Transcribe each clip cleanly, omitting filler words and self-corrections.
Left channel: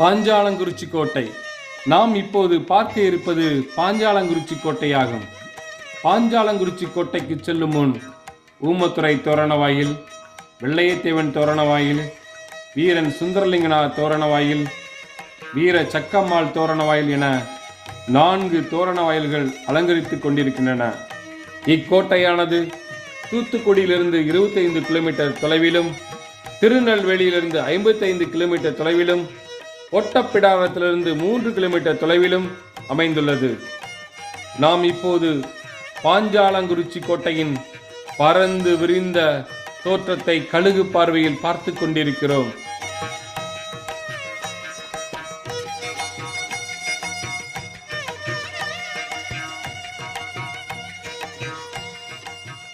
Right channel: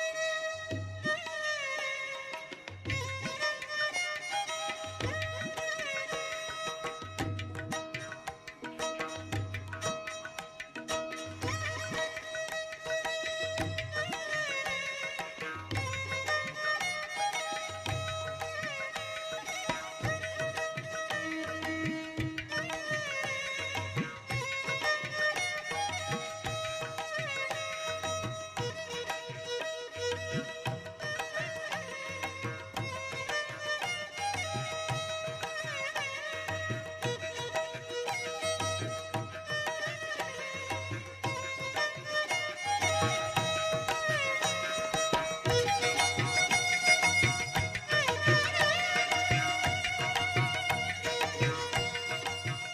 பாஞ்சாலங்குறிச்சி கோட்டை. நாம் இப்போது பார்க்க இருப்பது பாஞ்சாலங்குறிச்சி கோட்டையாகும். பாஞ்சாலங்குறிச்சி கோட்டைக்கு செல்லும் முன் ஊமத்துறை தோரணவாயில், வெள்ளையத்தேவன் தோரணவாயில், வீரன் சுந்தரலிங்கனார் தோரணவாயில், வீர சக்கம்மாள் தோரணவாயில் என 4 தோரண வாயில்கள் அலங்கரித்துக் கொண்டிருக்கின்றன. இக்கோட்டையானது தூத்துக்குடியிலிருந்து 25 கிலோமீட்டர் தொலைவிலும், திருநெல்வேலியிலிருந்து 55 கிலோமீட்டர் தொலைவிலும், ஒட்டப்பிடாரத்திலிருந்து 3 கிலோமீட்டர் தொலைவிலும் அமைந்துள்ளது. நாம் இப்போது பாஞ்சாலங்குறிச்சி கோட்டையின் பரந்து விரிந்த தோற்றத்தை கழுகு பார்வையில் பார்த்து கொண்டிருக்கிறோம்.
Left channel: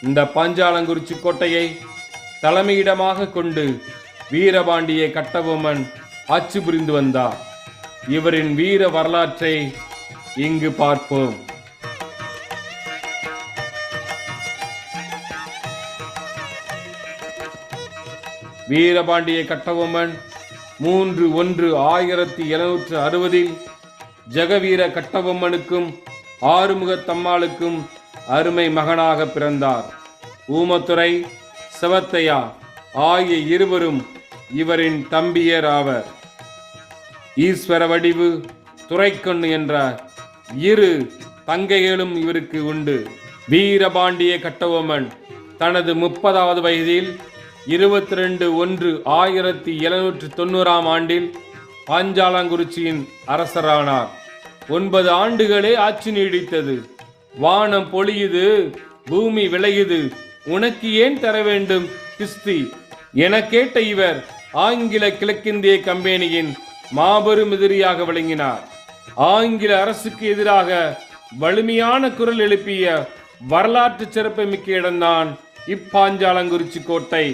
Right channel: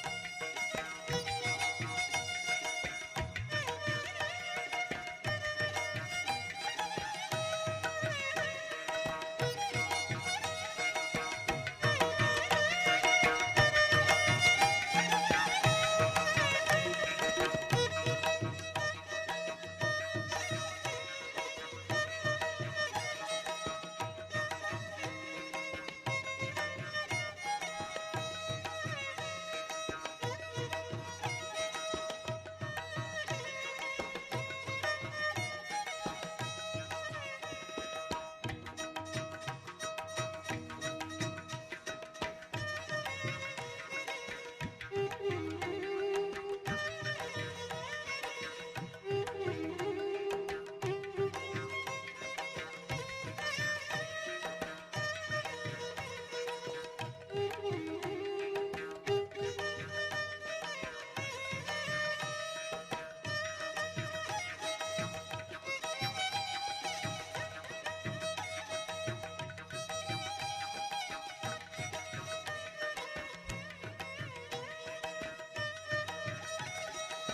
இந்த பாஞ்சாலங்குறிச்சி கோட்டையை தலைமையிடமாக கொண்டு வீரபாண்டிய கட்டபொம்மன் ஆட்சி புரிந்து வந்தார். இவரின் வீர வரலாற்றை இங்கு பார்ப்போம். வீரபாண்டிய கட்டபொம்மன் 3/1/1760 ஜெகவீர கட்டபொம்மனுக்கும் ஆறுமுகத்தம்மாளுக்கும் அருமை மகனாக பிறந்தார். ஊமத்துறை, செவத்தையா ஆகிய இருவரும் இவரின் தம்பியர் ஆவர். ஈஸ்வர வடிவு, துரைக்கண்ணு என்ற 2 தங்கைகளும் இவருக்கு உண்டு. வீரபாண்டிய கட்டபொம்மன் தனது 30வது வயதில் 22/1/1790 ஆண்டில் பாஞ்சாலங்குறிச்சியின் அரசரானார். 9 ஆண்டுகளே ஆட்சி நீடித்தது. வானம் பொழியுது, பூமி விளையுது, உனக்கு ஏன் தர வேண்டும் கிஸ்தி என கேட்ட இவர் ஆங்கில கிழக்கிந்திய கம்பெனியின் மாபெரும் எதிரியாக விளங்கினார். ஆங்கில அரசுக்கு எதிராக வலிமையான குரல் எழுப்பிய வரலாற்று சிறப்பு மிக்க இடம்தான் இப்பாஞ்சாலங்குறிச்சி கோட்டை.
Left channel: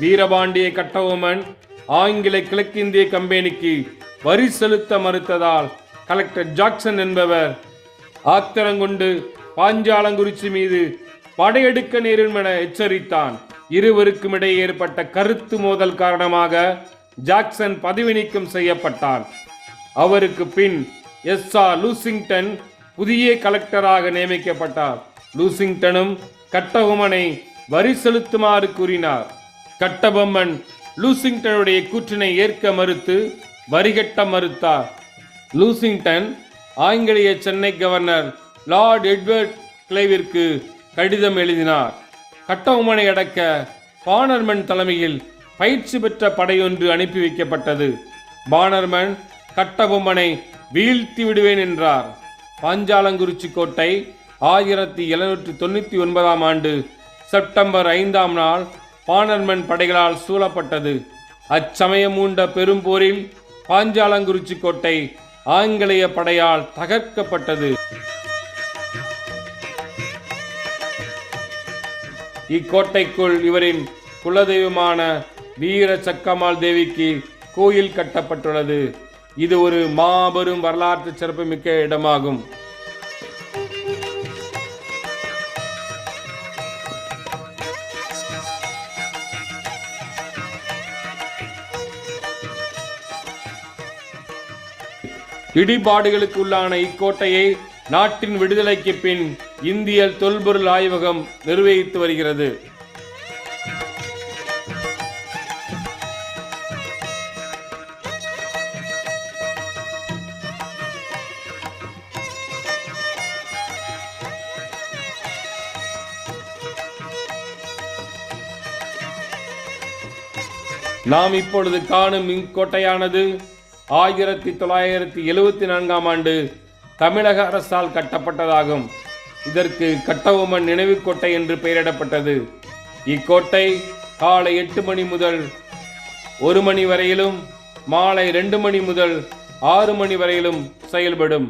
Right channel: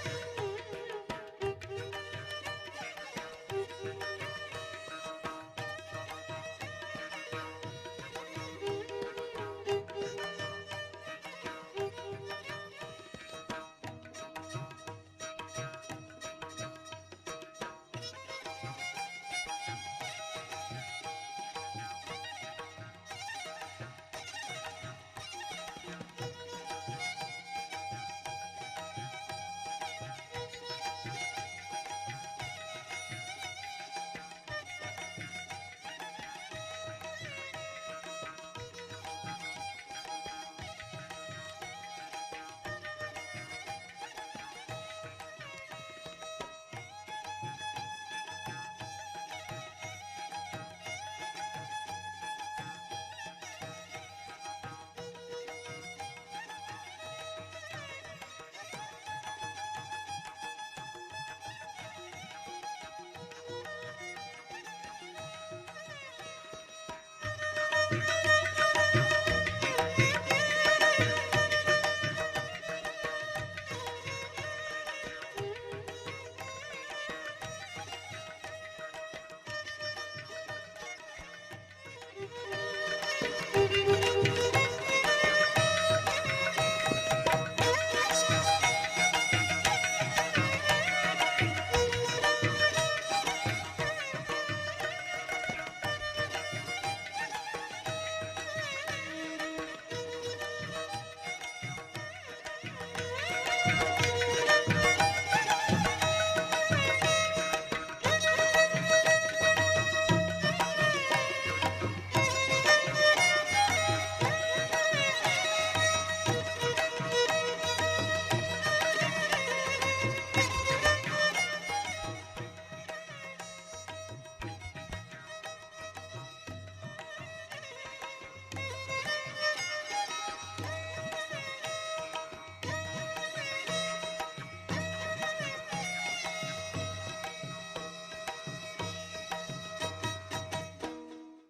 வீரபாண்டிய கட்டபொம்மன் ஆங்கில கிழக்கிந்திய கம்பெனிக்கு வரி செலுத்த மறுத்ததால் கலெக்டர் ஜாக்சன் என்பவர் ஆத்திரங்கொண்டு பாஞ்சாலங்குறிச்சி மீது படையெடுக்க நேரும் என எச்சரித்தான். இருவருக்கும் இடையே ஏற்பட்ட கருத்து மோதல் காரணமாக ஜாக்சன் பதவி நீக்கம் செய்யப்பட்டார். அவருக்கு பின் எஸ்.ஆர். லூசிங்டன் புதிய கலெக்டராக நியமிக்கப்பட்டார். லூசிங்டனும் கட்டபொம்மனை வரி செலுத்துமாறு கூறினார். கட்டபொம்மன் லூசிங்டனுடைய கூற்றினை ஏற்க மறுத்து வரிகட்ட மறுத்தார். லூசிங்டன் ஆங்கிலேய சென்னை கவர்னர் லார்ட் எட்வர்ட் கிளைவிற்கு கடிதம் எழுதினார். கட்டபொம்மனை அடக்க பானர்மன் தலைமையில் பயிற்சி பெற்ற படையொன்று அனுப்பி வைக்கப்பட்டது. பானர்மன் கட்டபொம்மனை வீழ்த்தி விடுவேன் என்றார். பாஞ்சாலங்குறிச்சி கோட்டை 1799 ஆண்டு செப்டம்பர் 5ஆம் நாள் பானர்மன் படைகளால் சூழப்பட்டது. அச்சமயம் மூண்ட பெரும் போரில் பாஞ்சாலங்குறிச்சி கோட்டை ஆங்கிலேய படையால் தகர்க்கப்பட்டது. இக்கோட்டைக்குள் இவரின் குலதெய்வமான வீர சக்கம்மாள் தேவிக்கு கோயில் கட்டப்பட்டுள்ளது. இது ஒரு மாபெரும் வரலாற்று சிறப்புமிக்க இடமாகும். இடிபாடுகளுக்குள்ளான இக்கோட்டையை நாட்டின் விடுதலைக்கு பின் இந்திய தொல்பொருள் ஆய்வகம் நிர்வகித்து வருகிறது. நாம் இப்பொழுது காணும் இக்கோட்டையானது 1974ஆம் ஆண்டு தமிழக அரசால் கட்டப்பட்டதாகும். இதற்கு கட்டபொம்மன் நினைவு கோட்டை என்று பெயரிடப்பட்டது. இக்கோட்டை காலை 8 மணி முதல் 1 மணி வரையிலும், மாலை 2 மணி முதல் 6 மணி வரையிலும் செயல்படும்.